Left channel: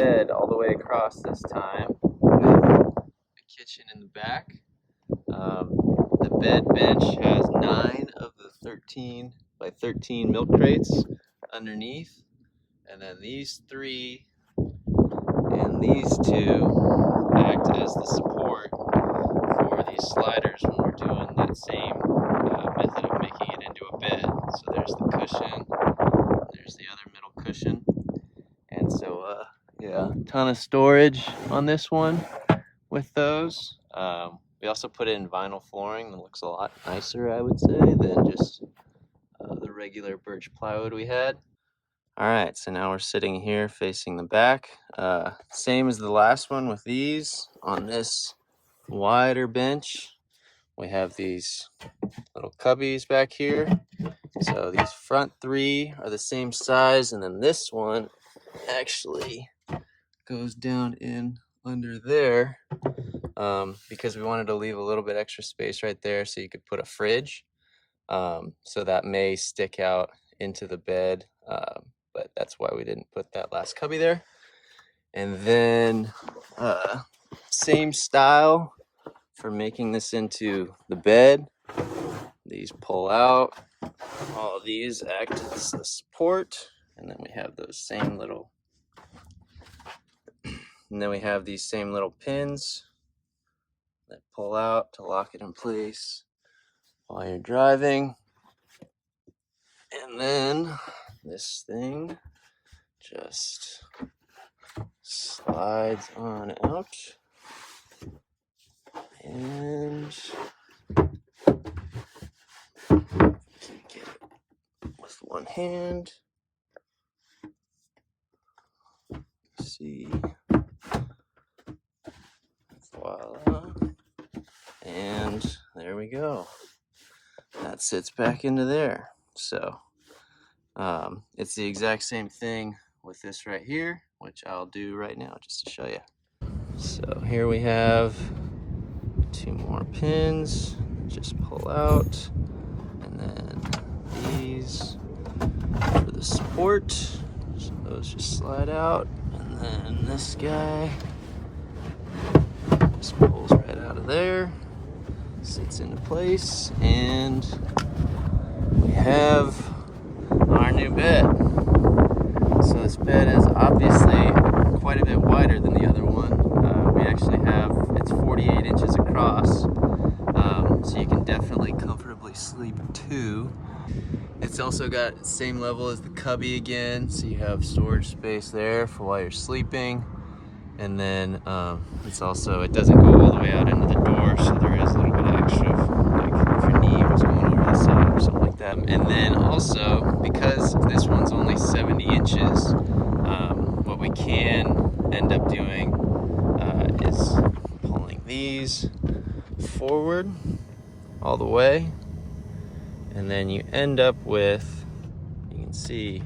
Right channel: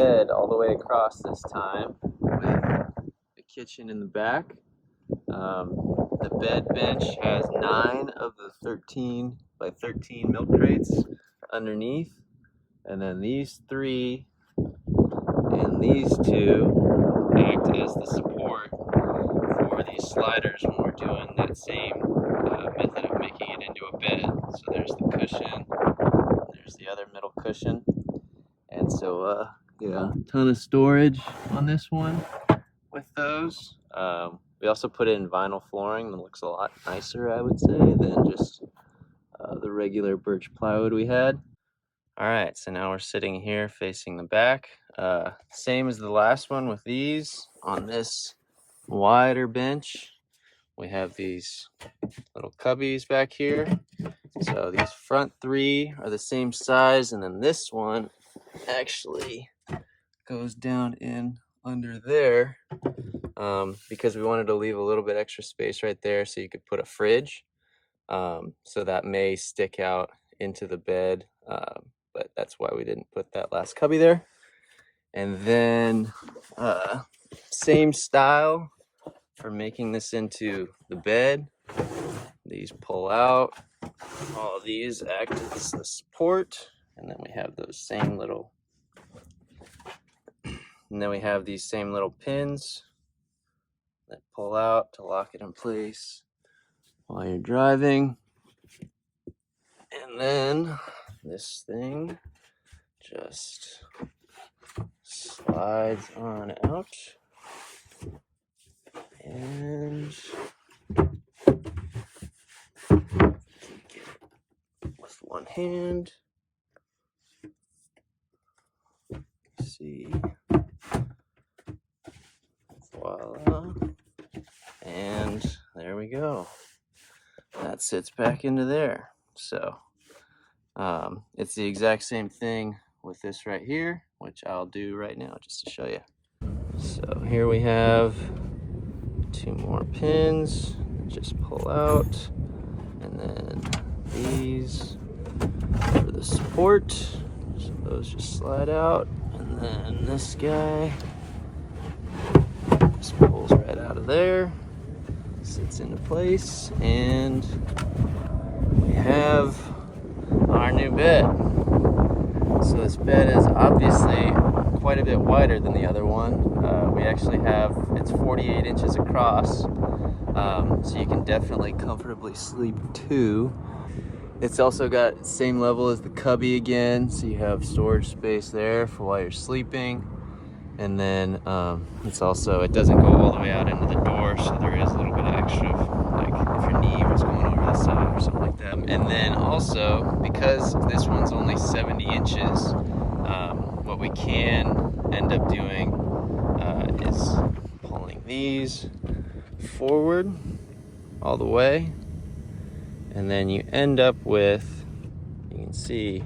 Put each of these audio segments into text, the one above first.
bed all the way across this time with the kitchen in the back. The bed bench has 9 of the 13 by 13 milk crates underneath, and then these 3 and these 2 act as the support for these sliders when we're doing that same method of making it into a bed. So there's the cushion, there's the other middle cushion, and so yeah, ton of storage on this one with those. We also put in vinyl flooring that looks a lot nicer, I would say, than just the regular birch plywood we had. All right, so now we're sitting here facing the back. Same as the last one with these. On this wider bench, we have these little cubbies back here. So these front 3 are the same size, and then this one actually goes down in under there because we wanted to leave a little bit extra space right there so you could put a fridge. So that may stick out into the bed, but that's why we didn't put that last cubby there. And then same style for making this into the bed. These pull out, all of these act as the support, and then we have those same little, and then we have these same little pins that pull out to lock it in place while you're driving. And then this thing just slides on out, and get it with one hand. See, voila, and there we go. That sits back into there. So it's the exact same thing with this right here, which I'll do right now just to show you. So here we have 2 more pins that just pull out, and then these for the support, so those just slide out, and then this guy just pulls right out of there, sits into place, and we have our new bed. So this bed is obviously quite a bit wider than the other one. We actually have, it's 48 inches across, so you can definitely comfortably sleep 2. It's also got the same level as the cubby again, so you have storage space there for while you're sleeping. And then it's also, it doesn't go all the way out into the door, so there is a little bit of extra, like if your knee was going over the side or something like that. And then also, because this one's only 70 inches, what we can end up doing is pulling these forward all the way, and then you end up with, you can see,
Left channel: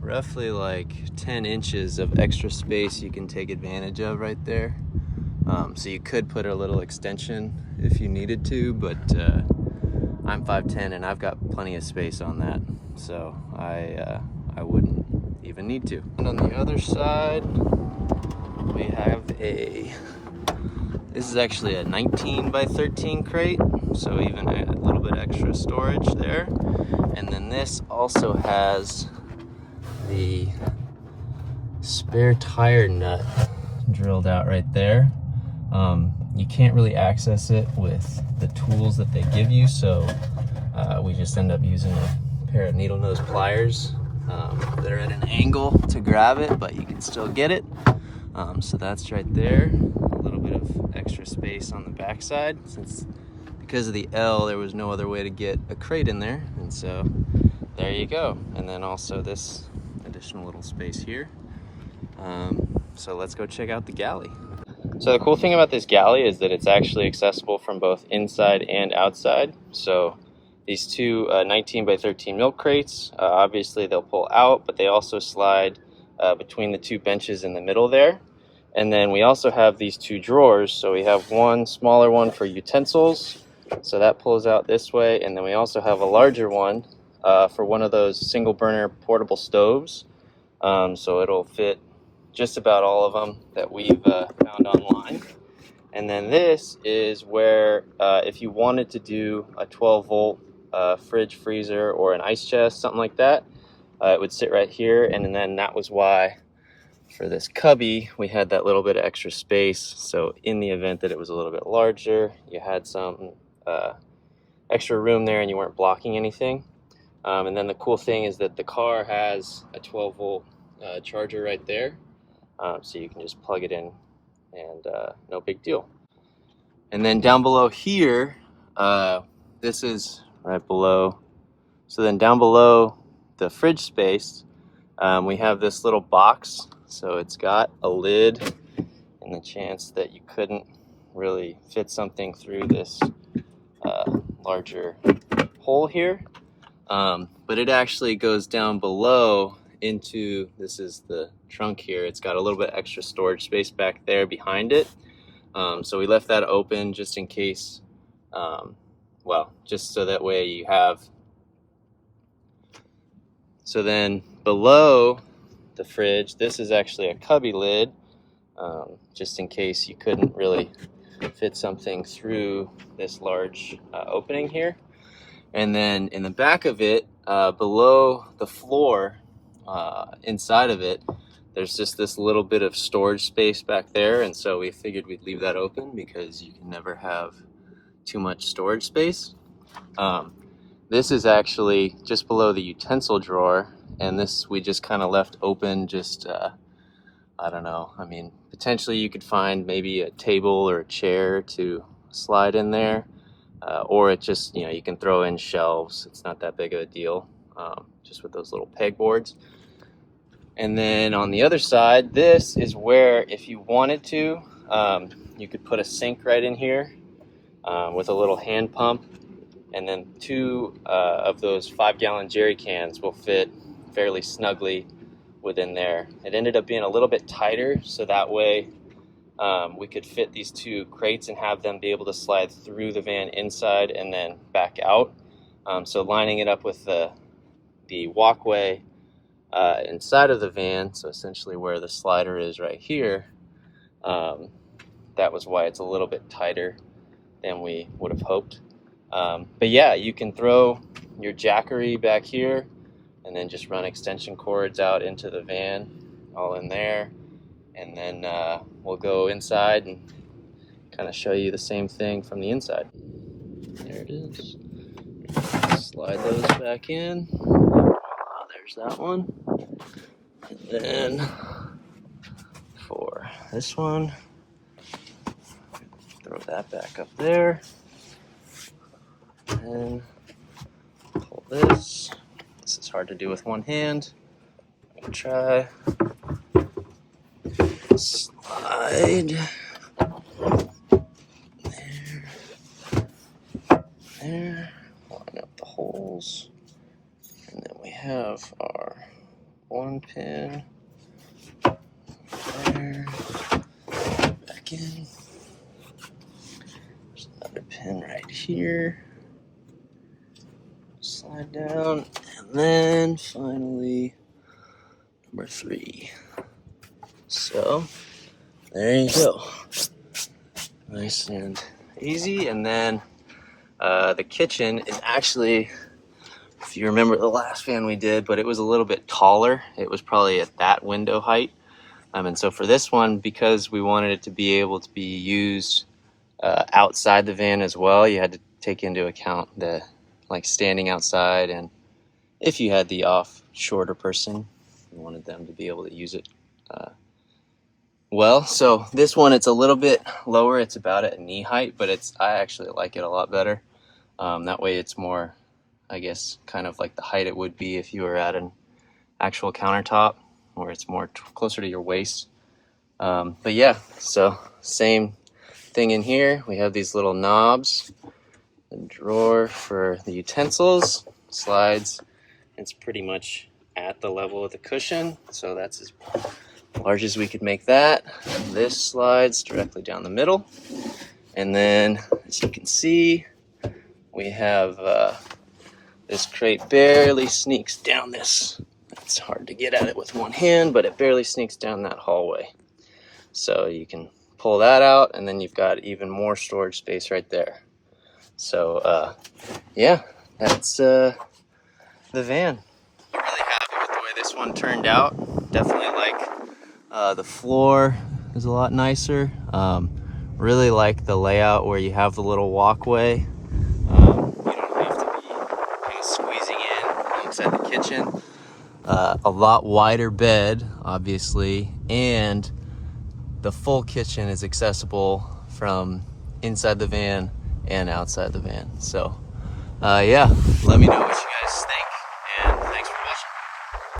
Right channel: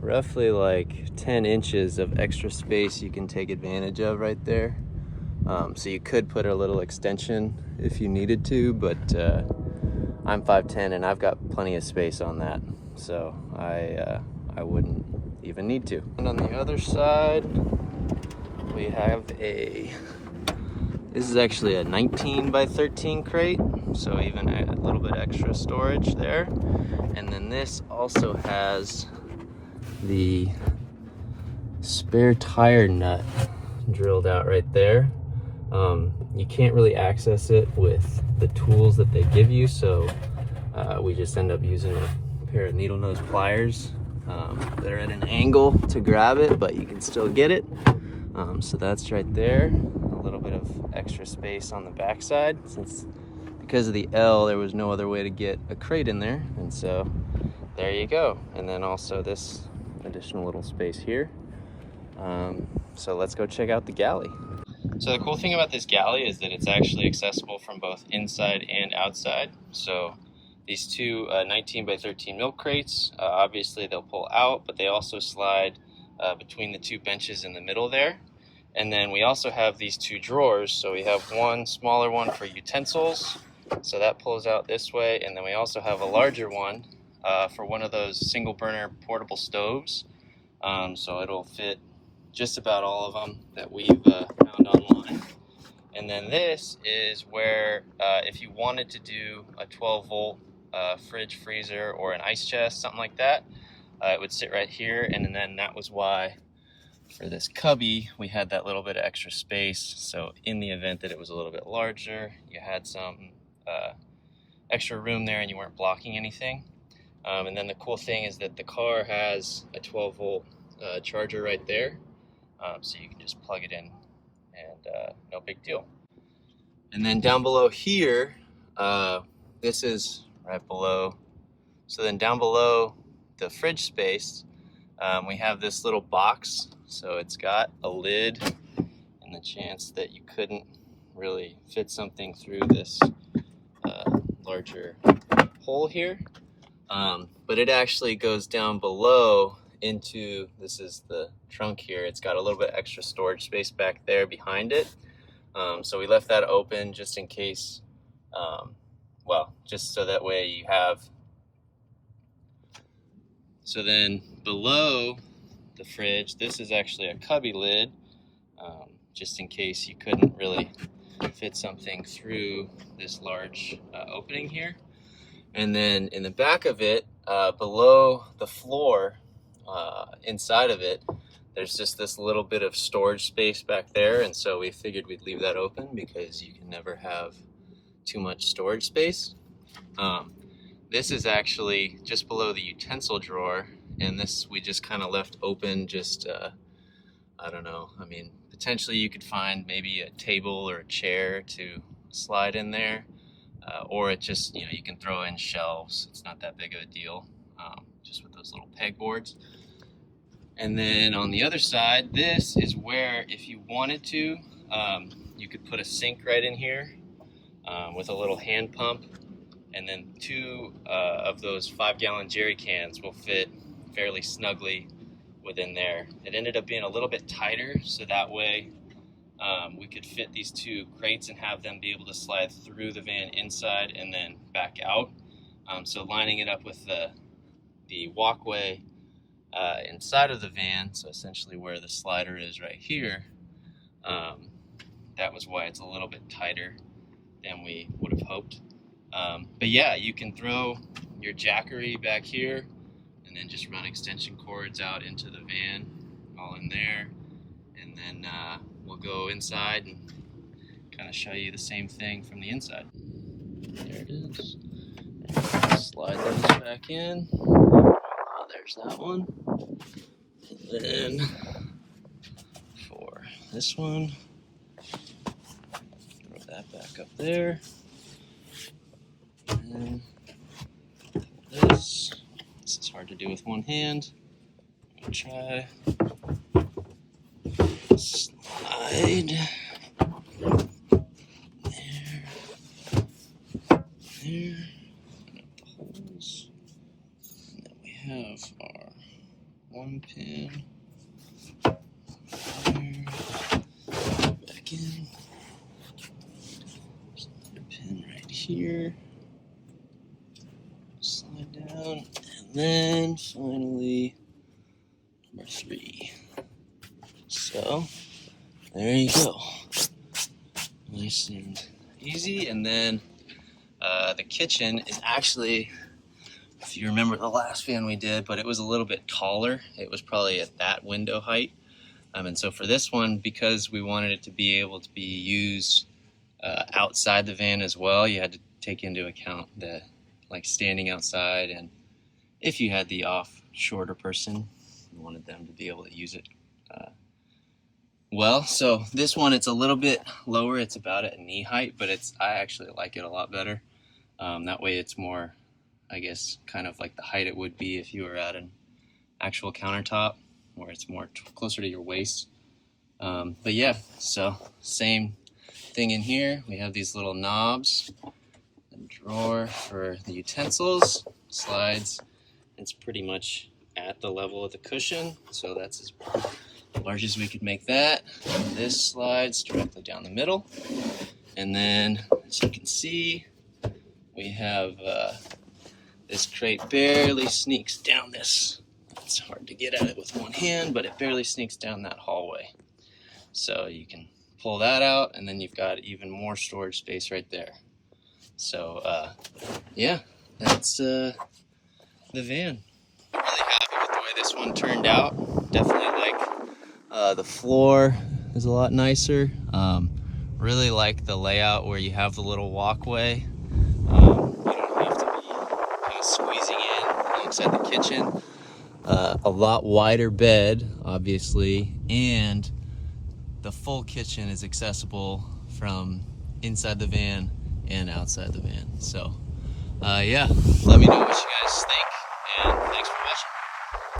roughly like 10 inches of extra space you can take advantage of right there. So you could put a little extension if you needed to, but I'm 5'10" and I've got plenty of space on that, so I wouldn't even need to. And on the other side, we have this is actually a 19 by 13 crate, so even a little bit extra storage there. And then this also has the spare tire nut drilled out right there. You can't really access it with the tools that they give you, so we just end up using a pair of needle nose pliers that are at an angle to grab it, but you can still get it. So that's right there. A little bit of extra space on the backside, since because of the L there was no other way to get a crate in there, and so there you go. And then also this additional little space here. So let's go check out the galley. So the cool thing about this galley is that it's actually accessible from both inside and outside. So these 2 19 by 13 milk crates, obviously they'll pull out, but they also slide between the 2 benches in the middle there. And then we also have these 2 drawers. So we have one smaller one for utensils, so that pulls out this way, and then we also have a larger one for one of those single burner portable stoves. So it'll fit just about all of them that we've found online. And then this is where if you wanted to do a 12-volt fridge, freezer, or an ice chest, something like that, it would sit right here. And then that was why for this cubby we had that little bit of extra space, so in the event that it was a little bit larger, you had some extra room there and you weren't blocking anything. And then the cool thing is that the car has a 12-volt charger right there, so you can just plug it in and no big deal. And then down below here, this is right below, so then down below the fridge space, we have this little box. So it's got a lid, and the chance that you couldn't really fit something through this larger hole here. But it actually goes down below into, this is the trunk here. It's got a little bit extra storage space back there behind it. So we left that open just in case, well, just so that way you have. So then below the fridge, this is actually a cubby lid, just in case you couldn't really fit something through this large opening here. And then in the back of it, below the floor, inside of it, there's just this little bit of storage space back there. And so we figured we'd leave that open because you can never have too much storage space. This is actually just below the utensil drawer, and this we just kind of left open, just I don't know, I mean, potentially you could find maybe a table or a chair to slide in there, or it just, you know, you can throw in shelves. It's not that big of a deal, just with those little pegboards. And then on the other side, this is where, if you wanted to, you could put a sink right in here with a little hand pump. And then 2 of those 5-gallon jerry cans will fit fairly snugly within there. It ended up being a little bit tighter, so that way we could fit these 2 crates and have them be able to slide through the van inside and then back out. So lining it up with the walkway inside of the van, so essentially where the slider is right here, that was why it's a little bit tighter than we would have hoped. But yeah, you can throw your jackery back here and then just run extension cords out into the van, all in there. And then we'll go inside and kind of show you the same thing from the inside. There it is. Slide those back in. Oh, there's that one. And then for this one, throw that back up there. And pull this. This is hard to do with one hand. I'm gonna try. Slide. There. Line up the holes. And then we have our 1 pin. There. Back in. There's another pin right here. Slide down, and then finally number 3. So there you go, nice and easy. And then the kitchen is actually, if you remember the last fan we did, but it was a little bit taller. It was probably at that window height, and so for this one, because we wanted it to be able to be used outside the van as well, you had to take into account the like standing outside, and if you had the shorter person, you wanted them to be able to use it well. So this one, it's a little bit lower. It's about at knee height, but I actually like it a lot better. That way it's more, I guess, kind of like the height it would be if you were at an actual countertop, where it's more closer to your waist. But yeah, so same thing in here. We have these little knobs. The drawer for the utensils slides. It's pretty much at the level of the cushion, so that's as large as we could make that. This slides directly down the middle, and then as you can see, we have this crate barely sneaks down this It's hard to get at it with one hand, but it barely sneaks down that hallway. So you can pull that out, and then you've got even more storage space right there. So yeah, that's the van. I'm really happy with the way this one turned out. Definitely like the floor is a lot nicer. Really like the layout where you have the little walkway. You don't have to be kind of squeezing in alongside the kitchen. A lot wider bed, obviously, and the full kitchen is accessible from inside the van and outside the van. So yeah, let me know what you guys think, and thanks for watching.